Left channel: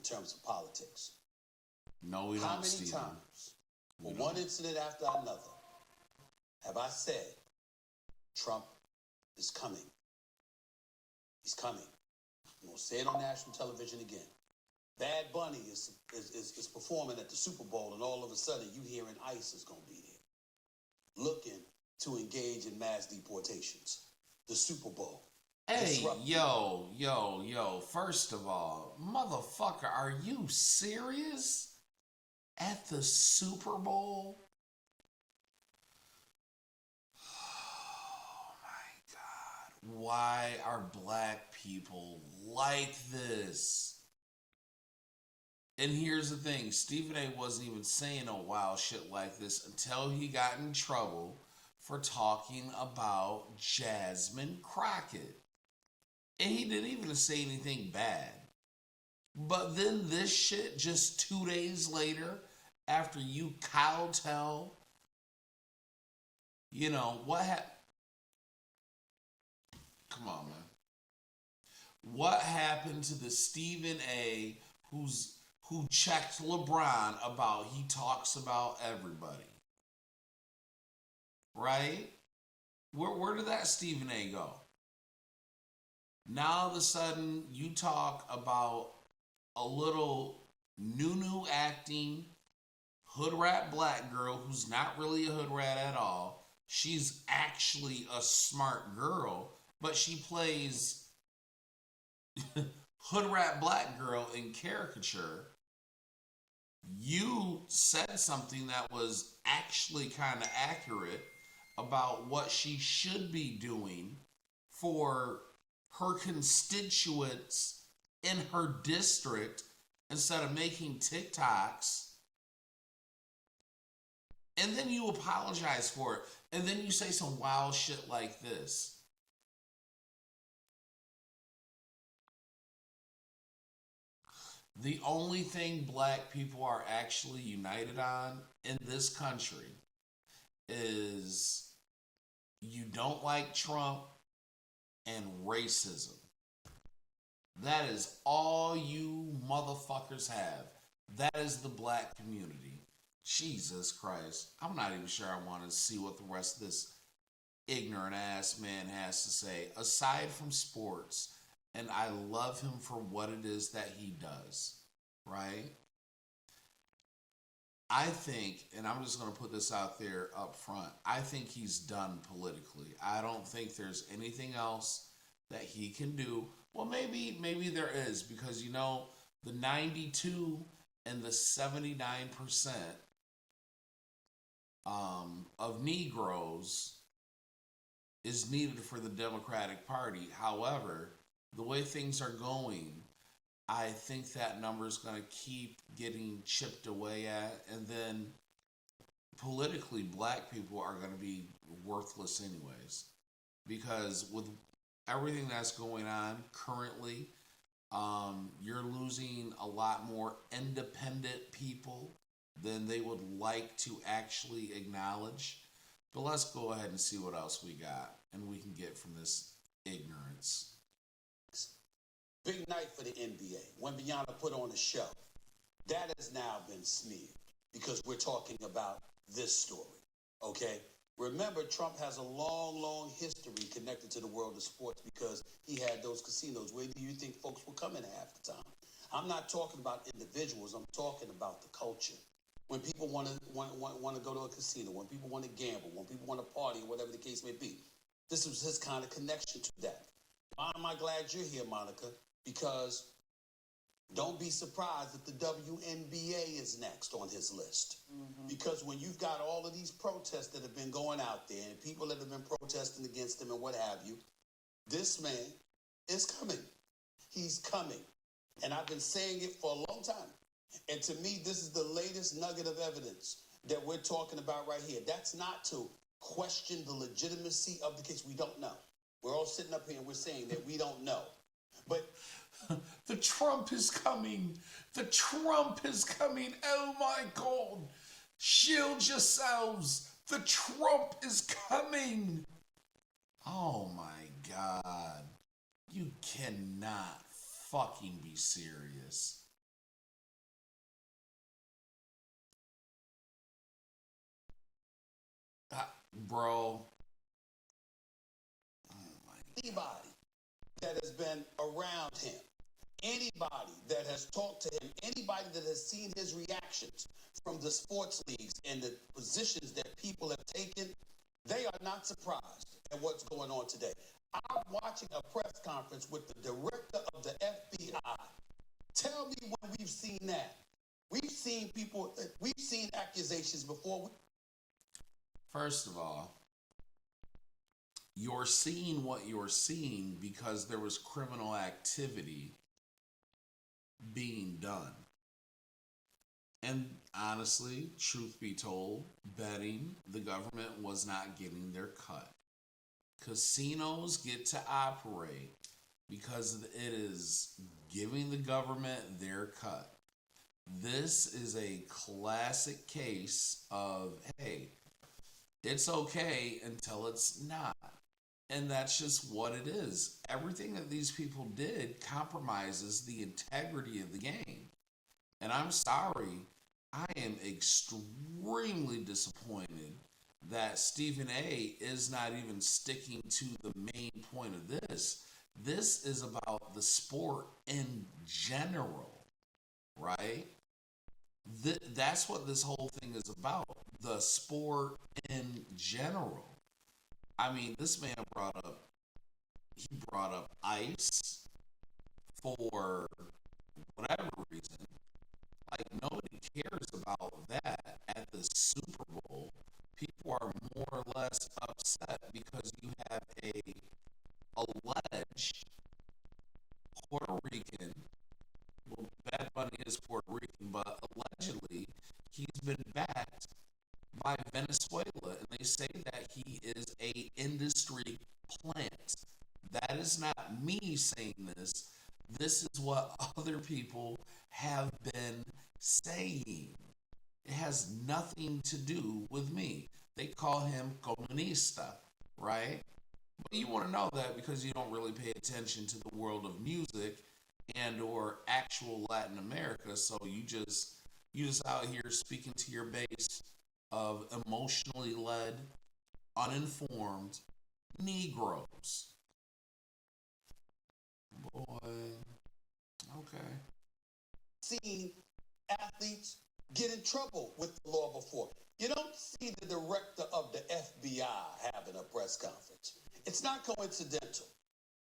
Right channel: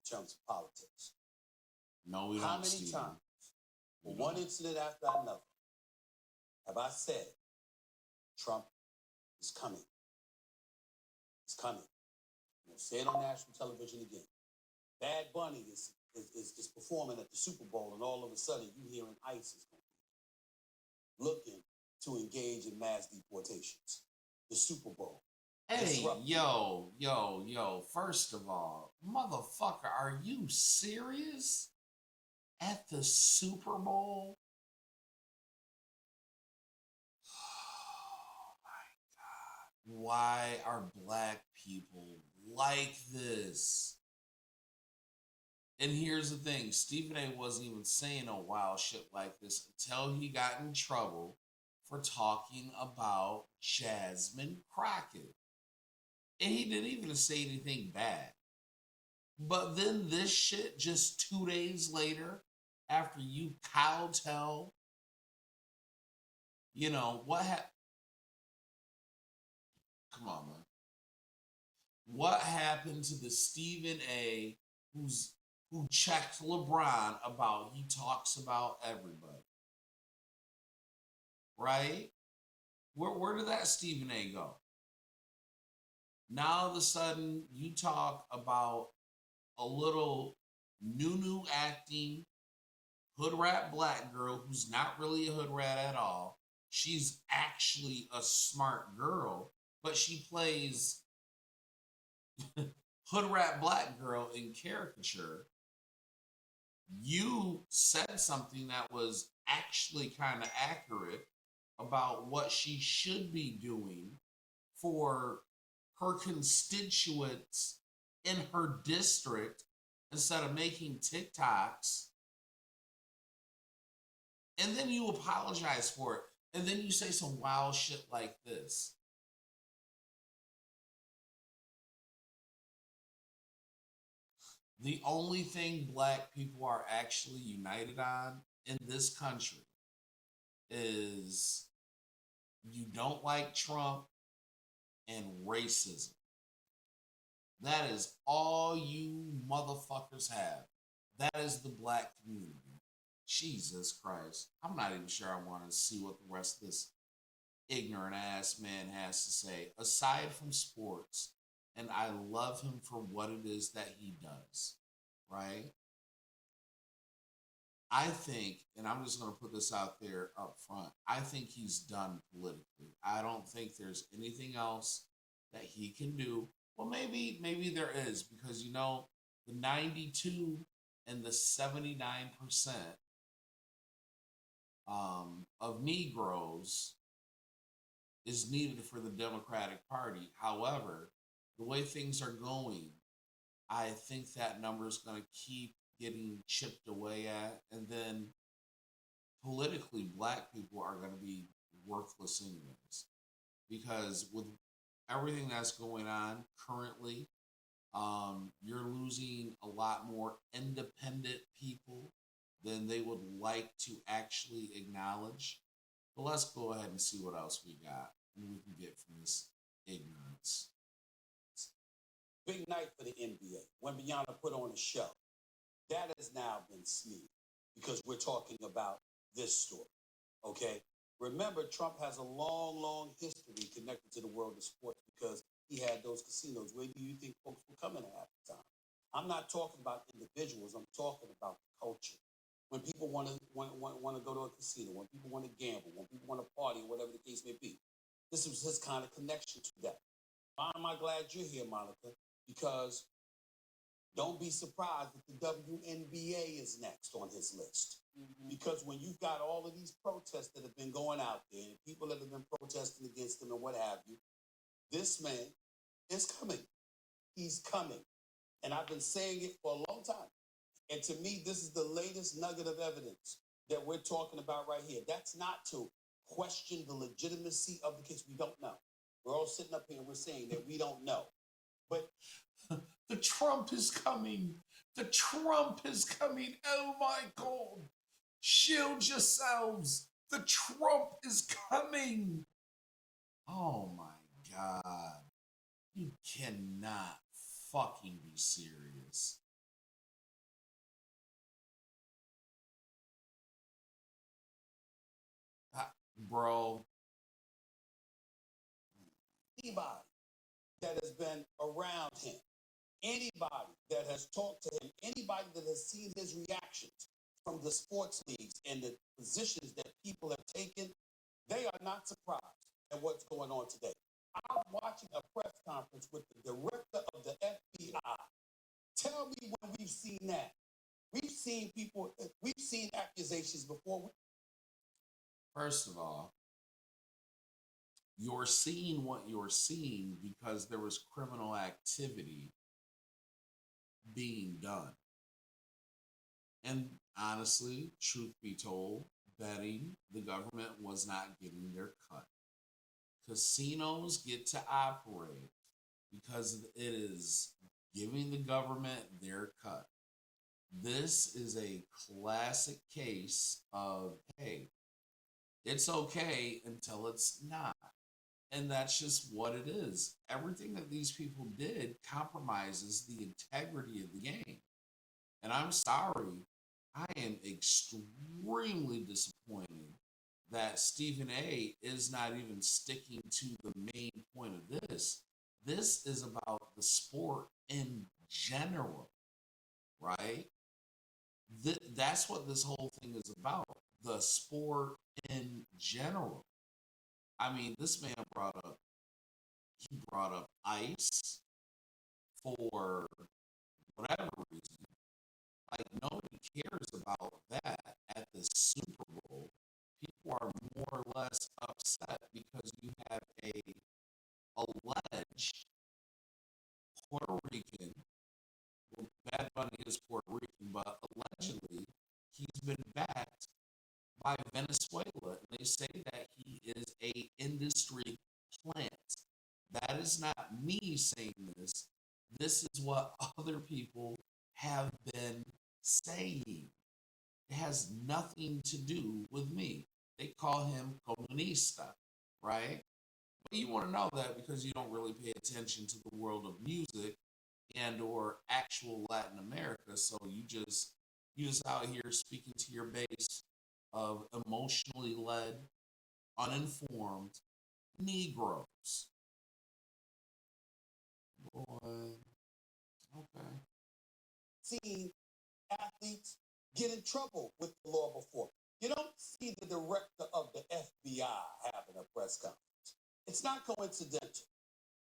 in terms of politics. No, we How don't, many Steven. times, for one incident after another, have I said, Trump is coming? He's coming. We'll say it on national television again. Bad Bunny is performing at the Super Bowl, and all of a sudden you hearing ICE is going to be there, looking to engage in mass deportations. The Super Bowl. Hey, yo. First of all, motherfucker, are you serious? At the Super Bowl? Oh my God. Why are black people like this? And here's the thing, Stephen A wasn't even saying a wild shit like this until he got in trouble for talking about Jasmine Crockett. And he didn't even say anything bad. But then this shit just 2 days later, after you kowtow, what happened? Come on, man. What happened to the Stephen A who checked LeBron about he talks about everybody? Right? Where did that Stephen A go? Now all of a sudden you talk about a little new acting hood rat black girl who's not really a hood rat at all. She's actually a smart girl, but she plays hood rat black girl in caricature. You said something that was actually kind of accurate about what she should be doing for her constituents in her district instead of making TikToks. And then you apologize for it. And then you say some wild shit like this. The only thing black people are actually united on in this country is you don't like Trump and racism. That is all you motherfuckers have. That is the black community. Jesus Christ. I'm not even sure I want to see what the rest of this ignorant ass man has to say, aside from sports. And I love him for what it is that he does, right? I think, and I'm just going to put this out there up front, I think he's done politically. I don't think there's anything else that he can do. Well, maybe there is, because the 92 and the 79% of Negroes is needed for the Democratic Party. However, the way things are going, I think that number is going to keep getting chipped away at, and then politically, black people are going to be worthless anyways, because with everything that's going on currently, you're losing a lot more independent people than they would like to actually acknowledge. But let's go ahead and see what else we got, and we can get from this ignorance. Big night for the NBA. When Beyonce put on a show, that has now been smeared because we're talking about this story, okay? Remember, Trump has a long history connected to the world of sports because he had those casinos. Where do you think folks were coming half the time? I'm not talking about individuals. I'm talking about the culture. When people want to go to a casino, when people want to gamble, when people want to party, or whatever the case may be, this was his kind of connection to that. Why am I glad you're here, Monica? Because don't be surprised if the WNBA is next on his list. Mm-hmm. Because when you've got all of these protests that have been going out there and people that have been protesting against him and what have you, this man is coming. He's coming. And I've been saying it for a long time. And to me, this is the latest nugget of evidence that we're talking about right here. That's not to question the legitimacy of the case. We don't know. We're all sitting up here and we're saying that we don't know. But the Trump is coming. The Trump is coming. Oh my God. Shield yourselves. The Trump is coming. Oh my God. You cannot fucking be serious. Bro. Anybody that has been around him, anybody that has talked to him, anybody that has seen his reactions from the sports leagues and the positions that people have taken, they are not surprised at what's going on today. I'm watching a press conference with the director of the FBI. Tell me when we've seen that. We've seen people, we've seen accusations before. First of all, you're seeing what you're seeing because there was criminal activity being done. And honestly, truth be told, betting the government was not getting their cut. Casinos get to operate because it is giving the government their cut. This is a classic case of, hey, it's okay until it's not. And that's just what it is. Everything that these people did compromises the integrity of the game. And I'm sorry, I am extremely disappointed that Stephen A is not even sticking to the main point of this. This is about the sport in general, right? That's what this whole thing is about. The sport in general. I mean, this man brought up ice for whatever reason. Like nobody cares about that at the Super Bowl. People are more or less upset because you have a alleged Puerto Rican. Well, Bad Bunny is Puerto Rican, but allegedly he's been backed by Venezuela, and they say that he is a industry plant. That is not me saying this. This is what other people have been saying. It has nothing to do with me. They call him comunista, right? But you want to know that because you don't really pay attention to the world of music and or actual Latin America. So you just out here speaking to your base of emotionally led, uninformed Negroes. Boy, okay. Seen athletes get in trouble with the law before. You don't see the director of the FBI having a press conference. It's not coincidental.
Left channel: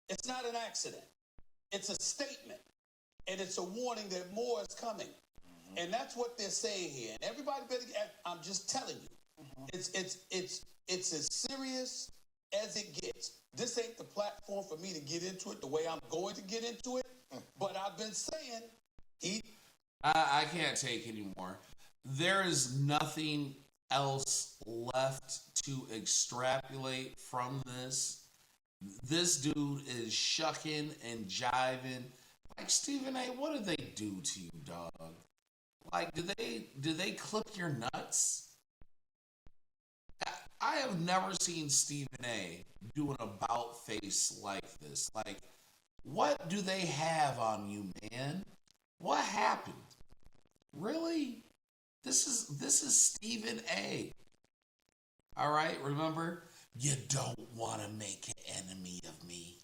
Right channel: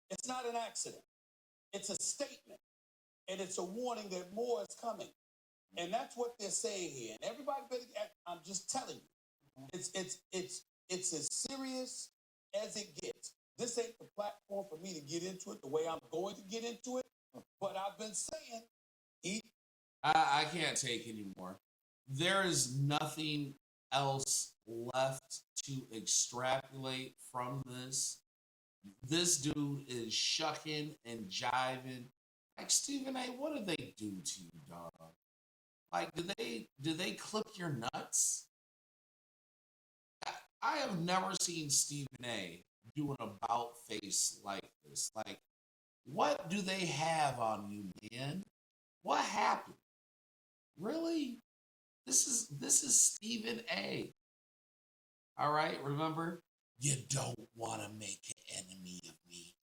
It's not an accident. It's a statement. And it's a warning that more is coming. And that's what they're saying here. And everybody better, I'm just telling you, it's as serious as it gets. This ain't the platform for me to get into it the way I'm going to get into it. But I've been saying I can't take anymore. There is nothing else left to extrapolate from this. This dude is shucking and jiving. Like Stephen A, what did they do to you, dog? Like, did they clip your nuts? I have never seen Stephen A do an about face like this. Like, what do they have on you, man? What happened? Really? This is Stephen A. All right, remember? You don't want to make an enemy of me.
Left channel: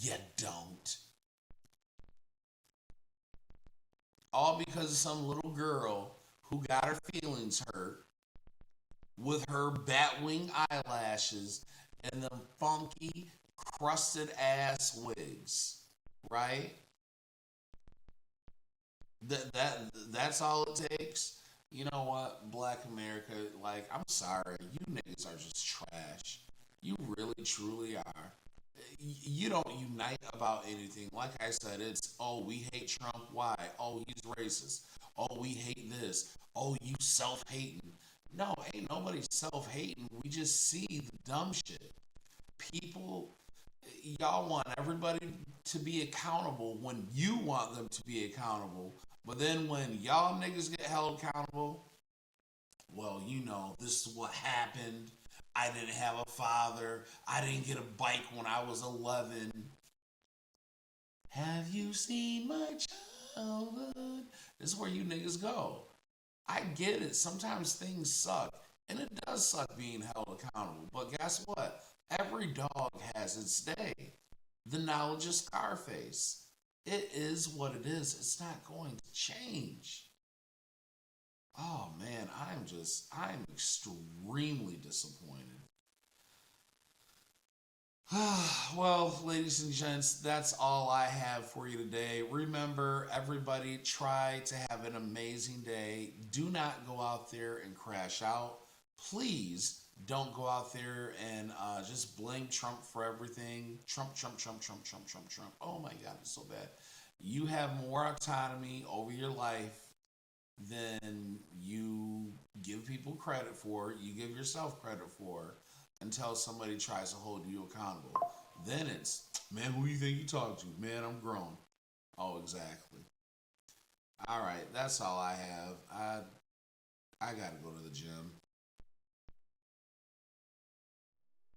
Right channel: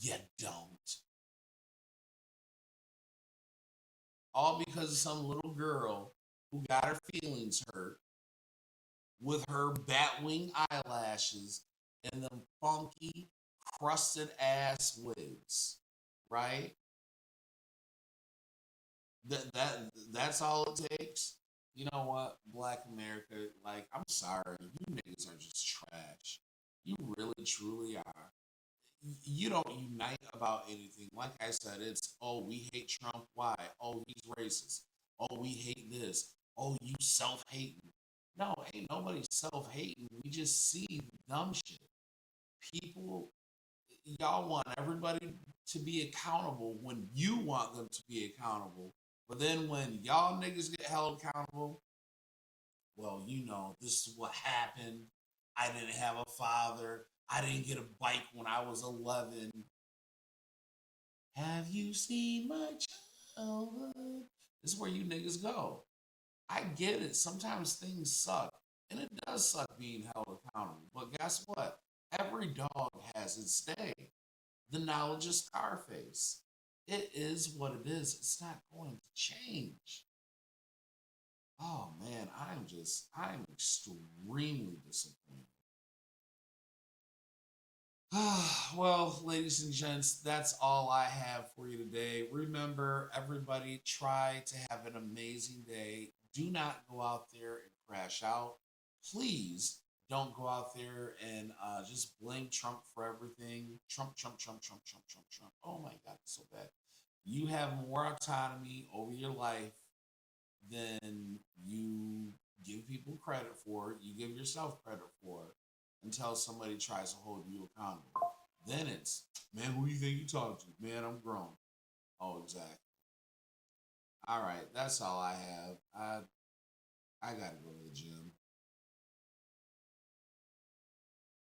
You don't. All because of some little girl who got her feelings hurt with her batwing eyelashes and them funky, crusted ass wigs, right? That's all it takes. You know what, Black America? Like, I'm sorry, you niggas are just trash. You really, truly are. You don't unite about anything. Like I said, it's we hate Trump. Why? Oh, he's racist. Oh, we hate this. Oh, you self hating. No, ain't nobody self hating. We just see the dumb shit. People, y'all want everybody to be accountable when you want them to be accountable. But then when y'all niggas get held accountable, well, this is what happened. I didn't have a father. I didn't get a bike when I was 11. Have you seen my childhood? This is where you niggas go. I get it. Sometimes things suck. And it does suck being held accountable. But guess what? Every dog has its day. The knowledge is Scarface. It is what it is. It's not going to change. Oh man, I'm extremely disappointed. Well, ladies and gents, that's all I have for you today. Remember, everybody, try to have an amazing day. Do not go out there and crash out. Please don't go out there and just blame Trump for everything. Trump, Trump, Trump, Trump, Trump, Trump, Trump. Oh my God, it's so bad. You have more autonomy over your life than you give people credit for, you give yourself credit for, until somebody tries to hold you accountable. Then it's, man, who you think you talk to? Man, I'm grown. Oh, exactly. All right, that's all I have. I gotta go to the gym.